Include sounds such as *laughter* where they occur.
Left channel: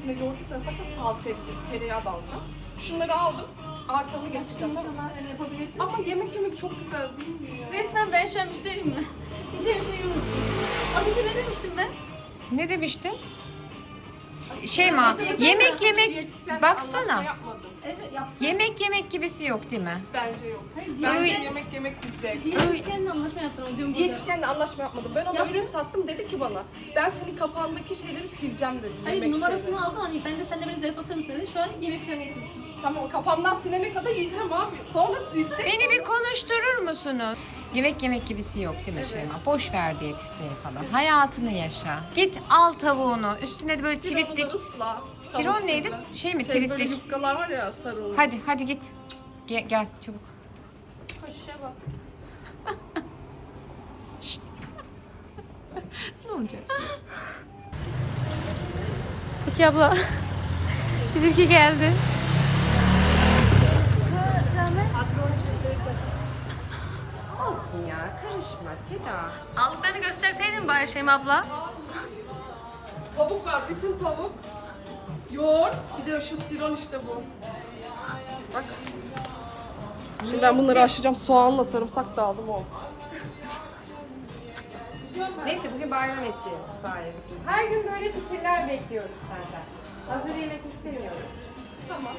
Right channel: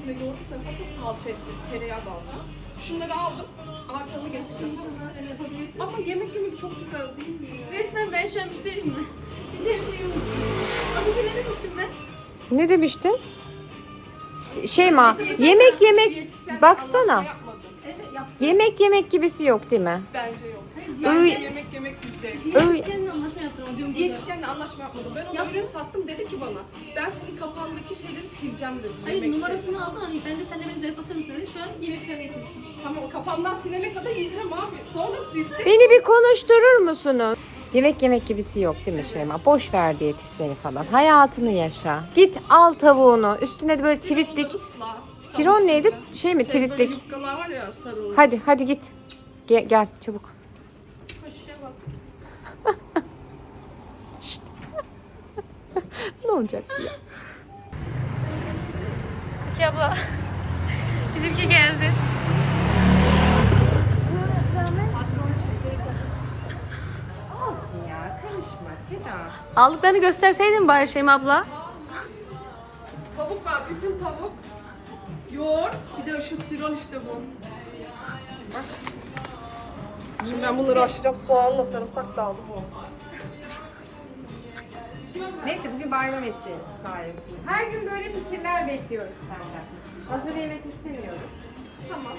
üstüne yoğurt sarımsakla salça edeceğiz. Tereyağı da alacağım. Şunları aldım. Artamı geçeceğim. Ama yemek yemek çok güzel değil mi ya? Resmen ben şu an bir şey diyeyim mi? *laughs* Diyeceğim şeyi unuttum. Az önce ne demiştim ben? Ne demiştin? Şeyma, yemek yemek Diyetisyenle baksana. anlaşma yapmadım. Evet yaptım. Yemek yemek gibisi yok değil mi? Bence yok. Hayır Bence yemek yemek bir zevk. Anlaşma yaptım. Diyorum burada. Diyetisyenle anlaşma yapmadım. Ben ona Yaptın. ürün sattım dedi ki bana. Ben senin kafandaki şeyleri sileceğim dedi. Hayır yemek numarasını aldın hani ben de sen de beni mısın dedi. Şu an yemek falan yapıyorsun. şeyleri. Tamam kafamdan silene kadar yiyeceğim abi. Sonra silecek. Beni bir konuşturur musunuz? Yemek yemek gibisi yok değil mi Şeyma? Boş ver diyetisyeni falan. Hayatını yaşa. Git al tavuğunu. Üstüne de böyle Sironları triplik. ısla. Siron neydi? sirle. Şey mi? Şey böyle yufkalar var ya sarılı. Hadi hadi git. Gel, gel çabuk. Koşuşa bak. Ne olacak? İki *laughs* abla. Bizimki geldi. Olsun ya karışma Seda. Aldıklarını gösterseydin bari Şeyma abla. Tavuk var, bütün tavuk. Yoğurt, bir de şu siron işte bu. Bak. Şimdi ben bunları haşlayacağım. Soğanla sarımsak da aldım o. Neyse bugün bayram edeceğiz sayesinde. Her gün böyle fikirler bekliyoruz senden. Hazır yemek istemiyoruz. Tamam.